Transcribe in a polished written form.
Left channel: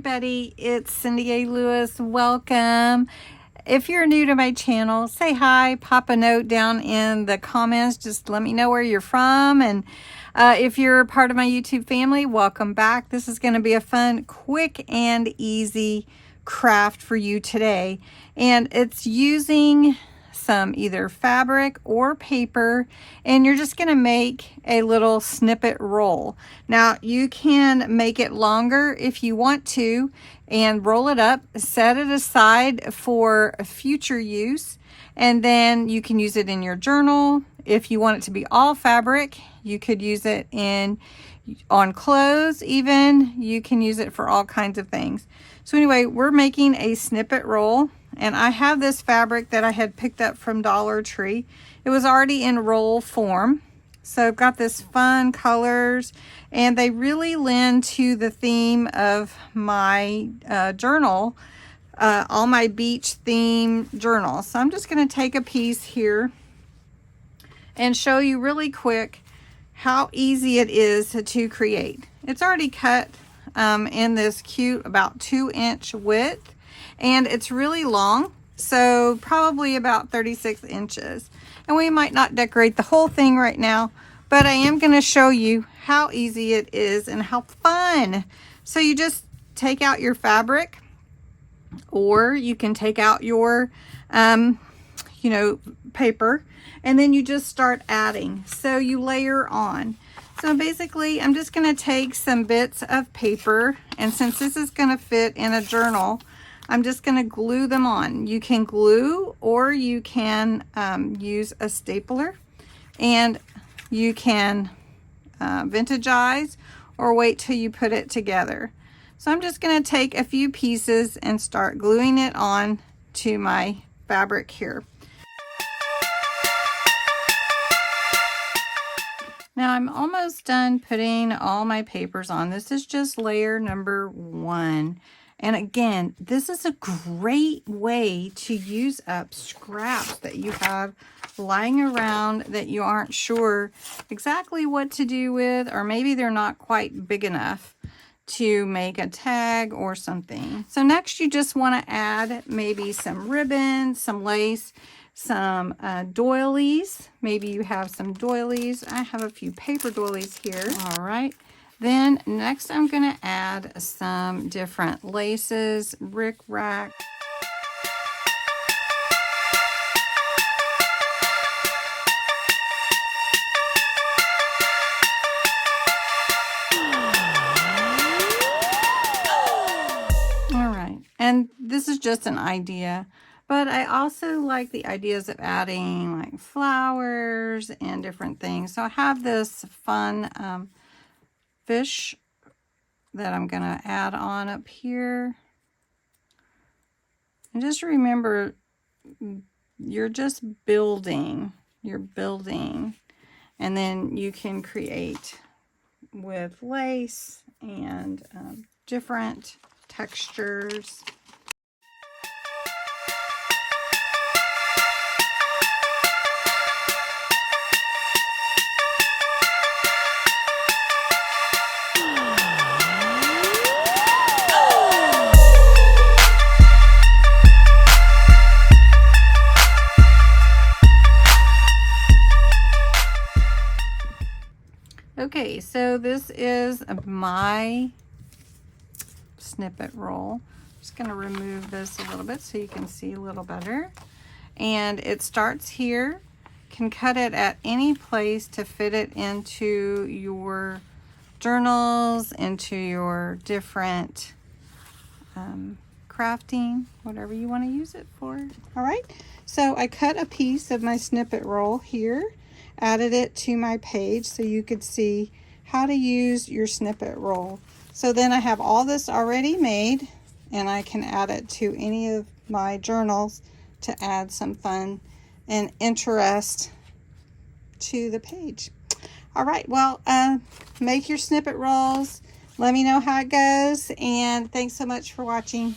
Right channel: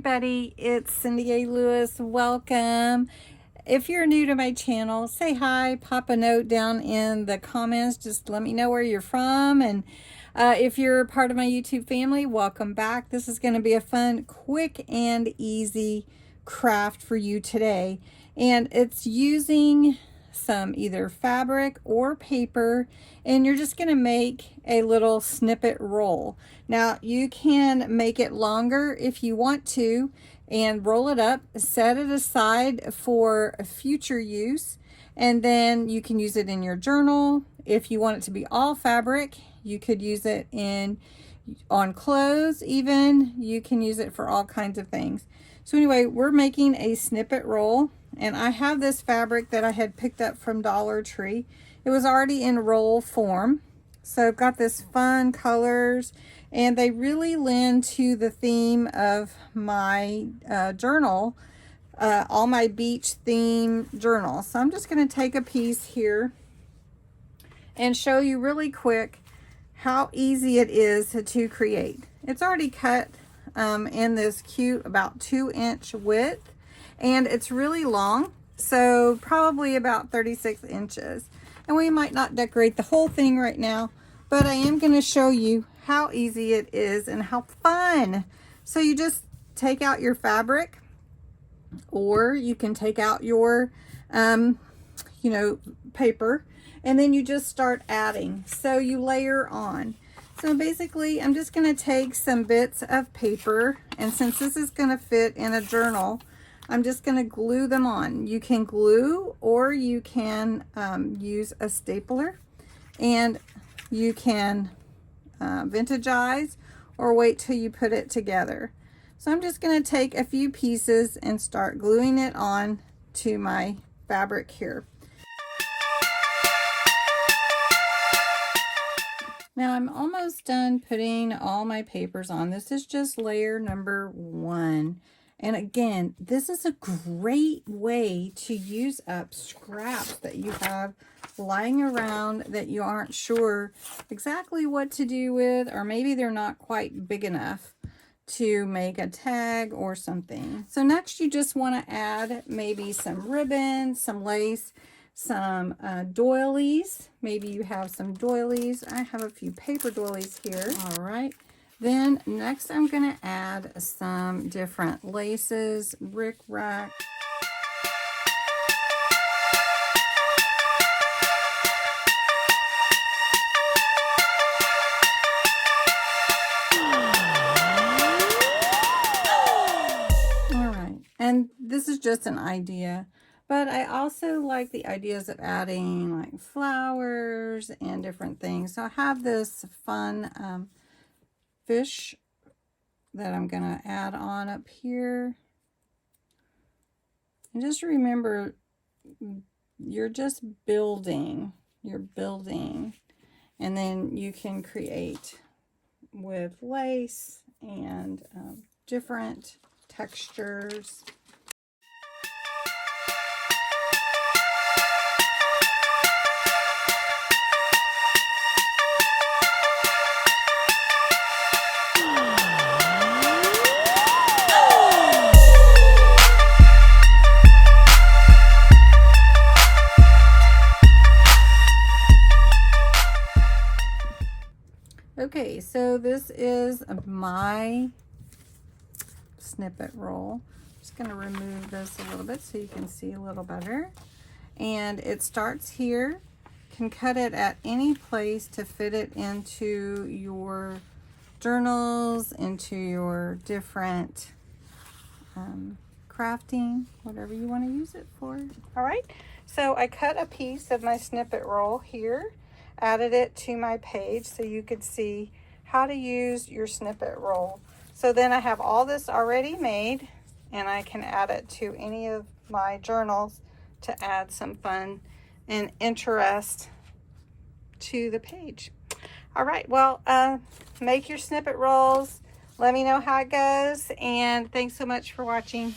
everybody, it's Cindy A. Lewis. Welcome. If you're new to my channel, say hi, pop a note down in the comments. Just let me know where you're from. And if you're part of my YouTube family, welcome back. This is going to be a fun, quick, and easy craft for you today. And it's using some either fabric or paper, and you're just going to make a little snippet roll. Now you can make it longer if you want to and roll it up, set it aside for future use, and then you can use it in your journal. If you want it to be all fabric, you could use it on clothes. Even you can use it for all kinds of things. So anyway, we're making a snippet roll, and I have this fabric that I had picked up from Dollar Tree. It was already in roll form. So I've got this fun colors, and they really lend to the theme of my journal, all my beach theme journals. So I'm just going to take a piece here and show you really quick how easy it is to create. It's already cut in this cute about 2-inch width, and it's really long, so probably about 36 inches. And we might not decorate the whole thing right now, but I am going to show you how easy it is and how fun. So you just take out your fabric, or you can take out your paper, and then you just start adding. So you layer on. So basically, I'm just going to take some bits of paper, and since this is going to fit in a journal, I'm just going to glue them on. You can glue, or you can use a stapler, and you can vintagize or wait till you put it together. So I'm just going to take a few pieces and start gluing it on to my fabric here. Now I'm almost done putting all my papers on. This is just layer number 1. And again, this is a great way to use up scraps that you have lying around that you aren't sure exactly what to do with, or maybe they're not quite big enough to make a tag or something. So next you just want to add maybe some ribbon, some lace, some doilies. Maybe you have some doilies. I have a few paper doilies here. All right. Then next I'm going to add some different laces, rick-rack. All right. And this is just an idea, but I also like the ideas of adding like flowers and different things. So I have this fun fish that I'm going to add on up here. And just remember, you're just building. You're building. And then you can create with lace and different textures. Okay, so this is my snippet roll. Just going to remove this a little bit so you can see a little better. And it starts here. You can cut it at any place to fit it into your journals, into your different crafting, whatever you want to use it for. All right, so I cut a piece of my snippet roll here, added it to my page so you could see how to use your snippet roll. So then I have all this already made, and I can add it to any of my journals to add some fun and interest to the page. All right, well, make your snippet rolls. Let me know how it goes, and thanks so much for watching.